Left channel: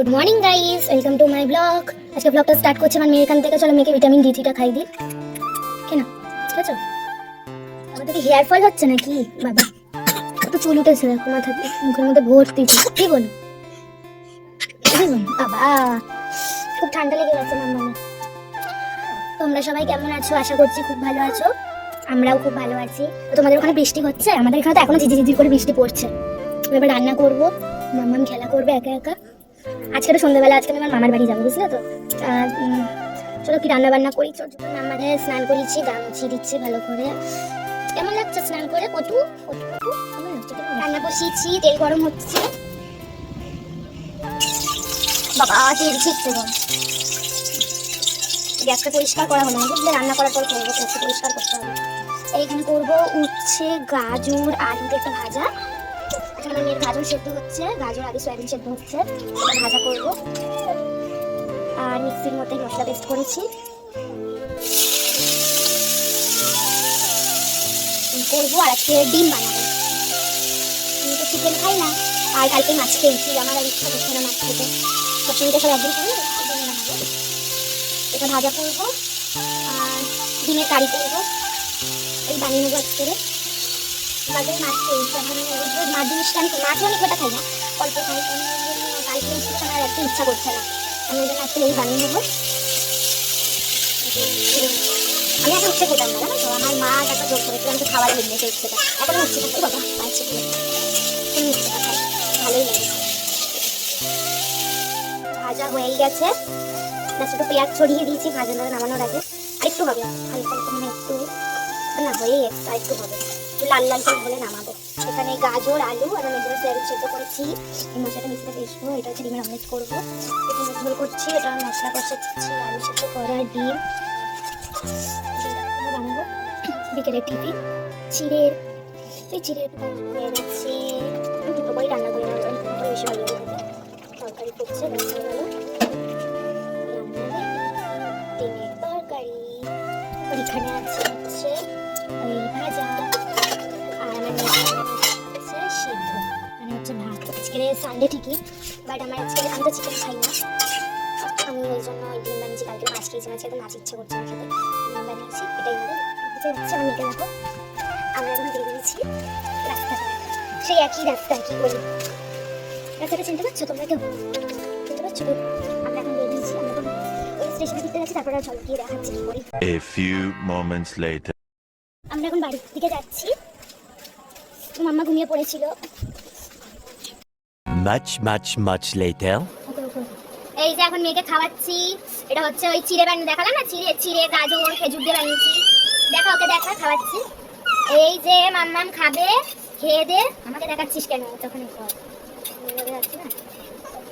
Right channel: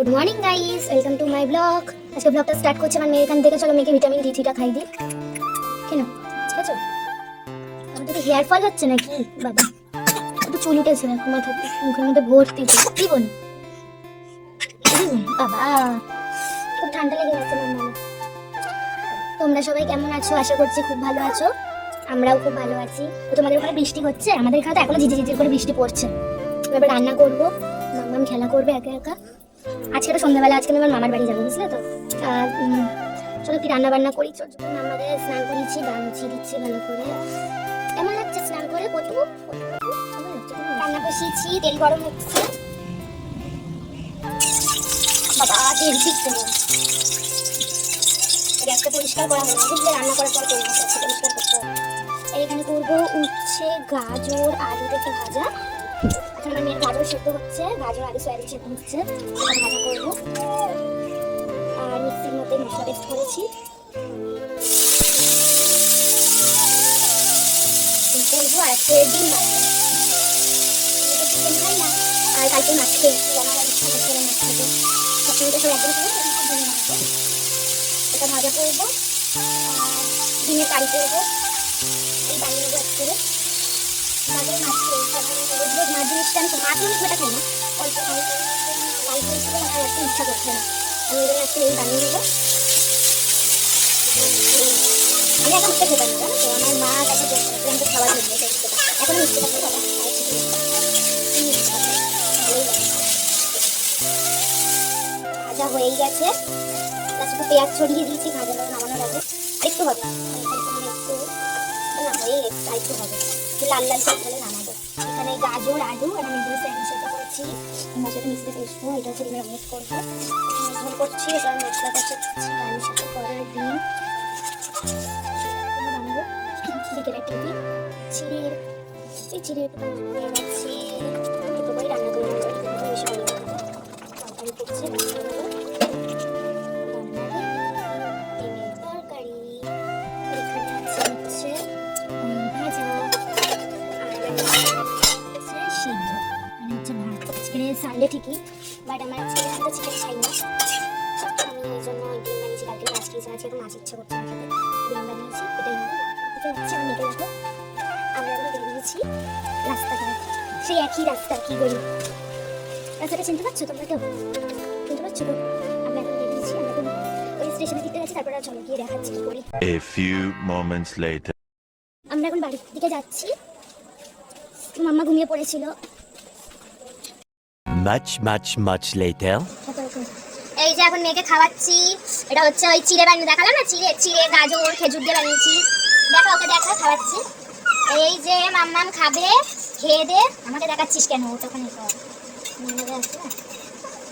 Good morning guys, welcome to my blog. আজকে ব্লগটা start করছি আমার মেয়ে এখান থেকে। চলো মেয়েকে ভিটামিন ডি3টা খাই দিই। কেন বুঝছো আমাদের কি হেয়ার ফল হচ্ছে নাকি? বাবা কত চুল উঠেছে দেখো মাথাতে, মুখের মধ্যে ভর্তি। কি বল বাবা, খুব ঠান্ডা লেগে গেছে মাম্মা। তোমরা সবাই কেমন আছো? আশা করছি খুব ভালো আছো। আমরাও খুব ভালো আছি। তো তোমাদের ওখানে বৃষ্টি হচ্ছে? আমাদের এখানে তো এখনো ঝিঝি করে বৃষ্টি পড়ছে। এবার রান্না করবো, মাম্মাম খেলা করবে একা একা। আজকে তো সন্ধ্যাবেলা, আজকে আমি আমার মামার বাড়ি যাবো, বুঝলে তো। চলো কি রান্না বান্না করি। চলো আমাদের স্নান করেছি, গামছি দিচ্ছি ভালো করে। কেমন লাগছে স্নান করে? কটু রান্না বসিয়েছি, তেল গরম হচ্ছে। বাবা ঠিক তো গ্যাসটা পরিষ্কার করা হলো না, বুঝলে? রান্না করার পর করবো, গ্যাসটা পরিষ্কার করতে হবে। এইখানে করবো উচ্ছে, গাজর, আলুর একটা ভাজা। এখানে মেয়ের গাজর সেদ্ধ হচ্ছে, গাজর আলু সয়াবিন সেদ্ধ হচ্ছে, ভাজা করবো। আর মিক্সির মধ্যে মশলা পেস্ট করেছি করবো। আর আজকে ডিম বানাবো। চিকেন খাই না, আর কালকে মাছ খেয়েছি, আমার আর ইচ্ছা করছে না মাছ খেতে। সবসময় তো সব একদিন খাই, ডিম বানাবো। এটা ভাজা করবো আর ডিমের কারি করবো। এই বানিয়ে নেবো একটু। কালকে মাছ খেয়েছি, আমার রোজ রোজ মাছ জিনিসটা আমি মাছও অনেক ঘটা খাই না, অল্প খাই। গান খেয়েছিল আর একটা ইচ্ছা করছে না, আমি ওদের আজকে এই বানিয়ে নেবো। আমি এখন উঠে খেতাম না, তো আমার মা কাছে জোর খাওয়ার জন্য সেই ইচ্ছেটা এখন হচ্ছে না। বাবা আছে ভালোই লাগে। ভাজা হয়েই গেছে, শুধু পেঁয়াজ ছড়িয়ে দিয়েছি ভাজা করে নামানোর আগে। আরেকটু হবে, হালকা একটু না হয়ে একটু হবে, লাল লাল করে হলে নামাবো। এখানে গাজর আলু আর আমি এগুলো সয়াবিন সেদ্ধ করেছি। মশলাটা মিক্সিতে পিসবো, এটা হচ্ছে ডিমের অমলেট করবো। একটু মশলা করছি, এবার মশলা কষাচ্ছি, আলু সেদ্ধ করা ডিম বানাবো। বিকেলের টিফিন চিড়ের যাচ্ছি, দুটো বই রান্না করে এসে বলে তরকারি করছে, তরকারি। এখানে আছে হচ্ছে ভাজা আর সিদ্ধ, মানে হচ্ছে ভাত। আজকে সানডে ঠিকই, বাট আমার আজকে আমি তো চিকেন খাই না, আমি এই জন্য ডিম বানিয়েছি। কালকে মাছ খেয়েছিলাম, আজকে মাছ ইচ্ছে করছে না খেতে, ডিম বানিয়েছি। এটাই হচ্ছে আমি নিতে রাখবো। আমরা যখন বেরিয়ে গেছি রাস্তাটা, সেই একই রাস্তা, কি বলি রাস্তাটা চিনতে পারছো তোমরা? কেউ চিনতে পারছো? আমরা এখন বেরিয়েছি, ওই স্টেশনে দিতে যাচ্ছি, তারপরে চলো গিয়ে দেখাচ্ছি কি করি। A few moments later. আমরা এখন বাড়ির দিকে যাচ্ছি, মাম্মা ঘুমিয়ে পড়েছিল। Much later. এই যে এখন মেয়েকে খাওয়াচ্ছি। এটা হচ্ছে ওই চিড়ে বানিয়ে দেখালাম না, চিড়ে গাজর খেজুর দিয়ে বানিয়েছি। দেখা ওকে দেখা খাওয়াচ্ছি। এই যে মাম্মাম খাবে, খেয়ে দে। আমাকে দেখাচ্ছিস কেন? তখন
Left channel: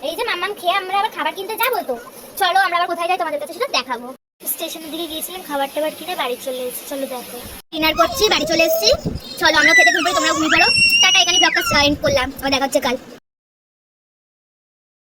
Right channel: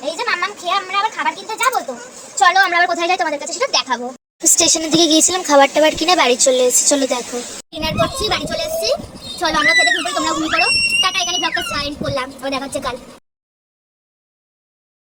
এই যে মাম্মাম খেয়ে আমরা আবার খাবার কিনতে যাবো। তো চলো আমরা আবার কোথায় যাই তোমাদের কাছে সেটা দেখাবো। স্টেশনের দিকে গিয়েছিলাম, খাবার টাবার কিনে বাড়ি চলে এসেছি। চলো দেখো, ডিনার করছি, বাড়ি চলে এসেছি। চলো আমরা খেতে ঘুরবো, তোমরা ঘুমিয়ে পড়ো। টাটা, এখানে ব্লগটা এন্ড করলাম, আবার দেখা হচ্ছে কাল।